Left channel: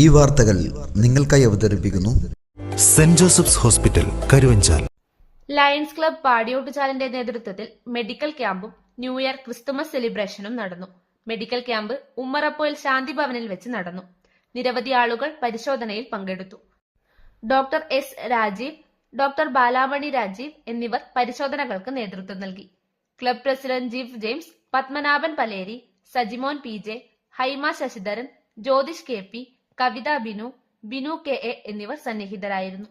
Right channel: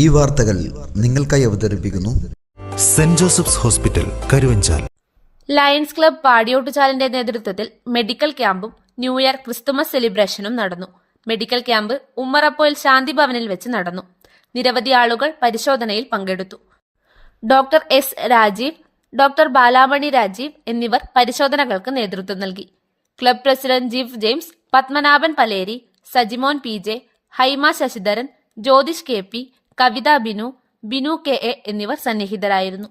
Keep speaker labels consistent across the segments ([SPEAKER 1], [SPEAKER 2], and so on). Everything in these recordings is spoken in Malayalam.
[SPEAKER 1] ഈ വാർത്തകൾ നിങ്ങൾക്കായി അവതരിപ്പിക്കുന്നു
[SPEAKER 2] Saint Joseph's hospital Karuvanchal.
[SPEAKER 3] Lions club പാടിയോട്ടുചാലിന്റെ നേതൃത്വത്തിൽ മെഡിക്കൽ ക്യാമ്പും ന്യൂ ഇയർ ക്രിസ്തുമസ് സെലിബ്രേഷനും നടന്നു. മെഡിക്കൽ ക്യാമ്പ് ഉമ്മറപ്പോയിൽ ശാന്തി ഭവനിൽ വെച്ച് നടന്നു. നിരവധി ആളുകൾ പരിശോധനയിൽ പങ്കെടുത്തു. Doctor S Rajeev doctor Balamani Rajeev എന്നിവർ പരിശോധനകൾക്ക് നേതൃത്വം നൽകി. Club president Jeef James Padmanabhan Paleri Sajimon P J Haima Sasidharan Jyothish K P Kavitha Binu Binu K A എന്നിവർ സന്നിഹിതരായിരുന്നു.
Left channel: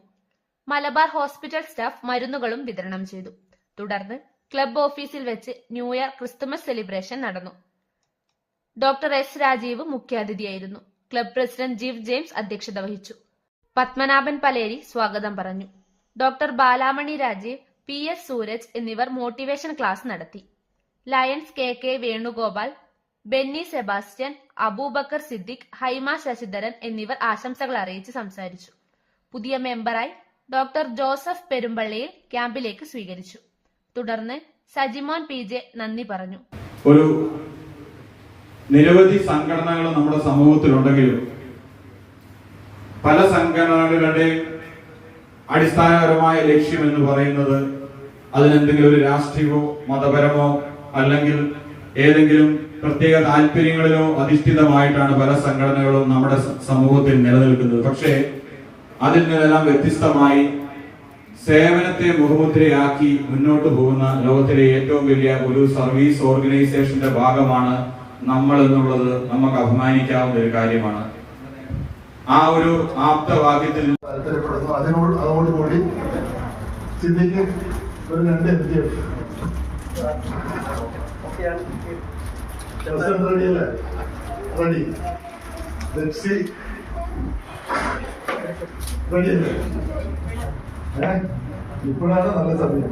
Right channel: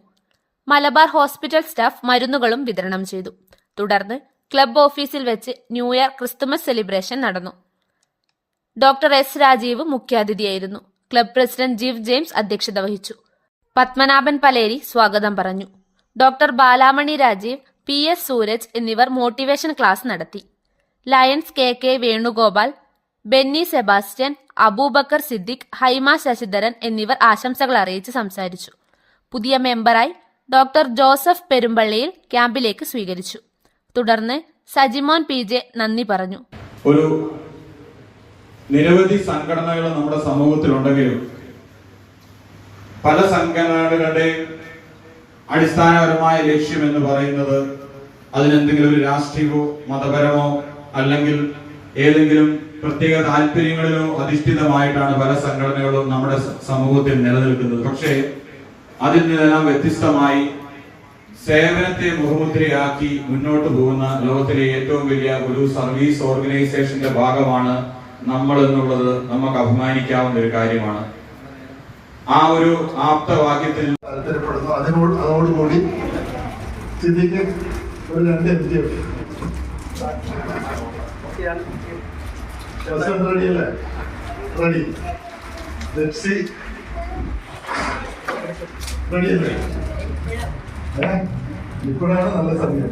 [SPEAKER 3] മലബാർ ഹോസ്പിറ്റൽ സ്റ്റാഫ് മരുന്നുകളും വിതരണം ചെയ്തു. തുടർന്ന് ക്ലബ് ഓഫീസിൽ വെച്ച് ന്യൂ ഇയർ ക്രിസ്തുമസ് സെലിബ്രേഷൻ നടന്നു. ഡോക്ടർ എസ് രാജീവ് മുഖ്യാതിഥിയായിരുന്നു. ക്ലബ് പ്രസിഡന്റ് ജീവ് ജെയിംസ് അധ്യക്ഷത വഹിച്ചു. പത്മനാഭൻ പലേരി സ്വാഗതം പറഞ്ഞു. Doctor Balamani Rajeev P S Sooraj എന്നിവർ മോട്ടിവേഷൻ ക്ലാസ് നടത്തി. Lions K K Venugopal Benny Sebastian Abubakar Siddique Haima Sasidharan എന്നിവർ ആശംസകൾ അറിയിച്ച് സംസാരിച്ചു. പുതിയ മെമ്പറായി ഡോക്ടർ ജോസഫ് പെരുമ്പള്ളിയിൽ ക്യാമ്പിലേക്ക് സ്വീകരിച്ചു. തുടർന്ന് സജിമോൻ പി. ജെ. നന്ദി പറഞ്ഞു.
[SPEAKER 4] ഒരു നിരവധി സംഘടനകൾ നമ്മുടെ സമൂഹത്തിലുണ്ടെങ്കിലും പല സംഘടനകളുടെ അടിസ്ഥാനപരമായ ലക്ഷ്യം എന്ന് പറയുന്നത് അതിനെന്തെങ്കിലും ഒരു രാഷ്ട്രീയമോ മതപരമോ അല്ലെങ്കിൽ ഏതെങ്കിലും പ്രത്യേക താല്പര്യങ്ങളിലോ അധിഷ്ഠിതമായിട്ടാണ് പല സംഘടനകളും നമ്മുടെ സമൂഹത്തിൽ നിലനിൽക്കുന്നത്. പക്ഷേ അതിൽ നിന്നെല്ലാം വ്യത്യസ്തമായി സേവനത്തെ മുഖമുദ്രയാക്കി മുന്നോട്ട് പോകുന്ന ലോകത്തിലെ ഏറ്റവും വലിയ ഒരു സർവീസ് ഓർഗനൈസേഷന്റെ ഭാഗമാണ് നമ്മൾ എന്നുള്ളത് നമുക്ക് അഭിമാനിക്കാവുന്ന ഒരു കാര്യമാണ്. ആ ഒരു ആപ്തവാക്യത്തിൽ
[SPEAKER 5] താല്പര്യപ്പെടുന്നു. അതിനോട് അതോടുകൂടി ഒരു രണ്ട് എം ജി റെഡി അല്ലേ? റെഡി ജെപ്സി റെഡി അല്ലേ? ഏ? ഇപ്പോഴാണ് നല്ല സമയം?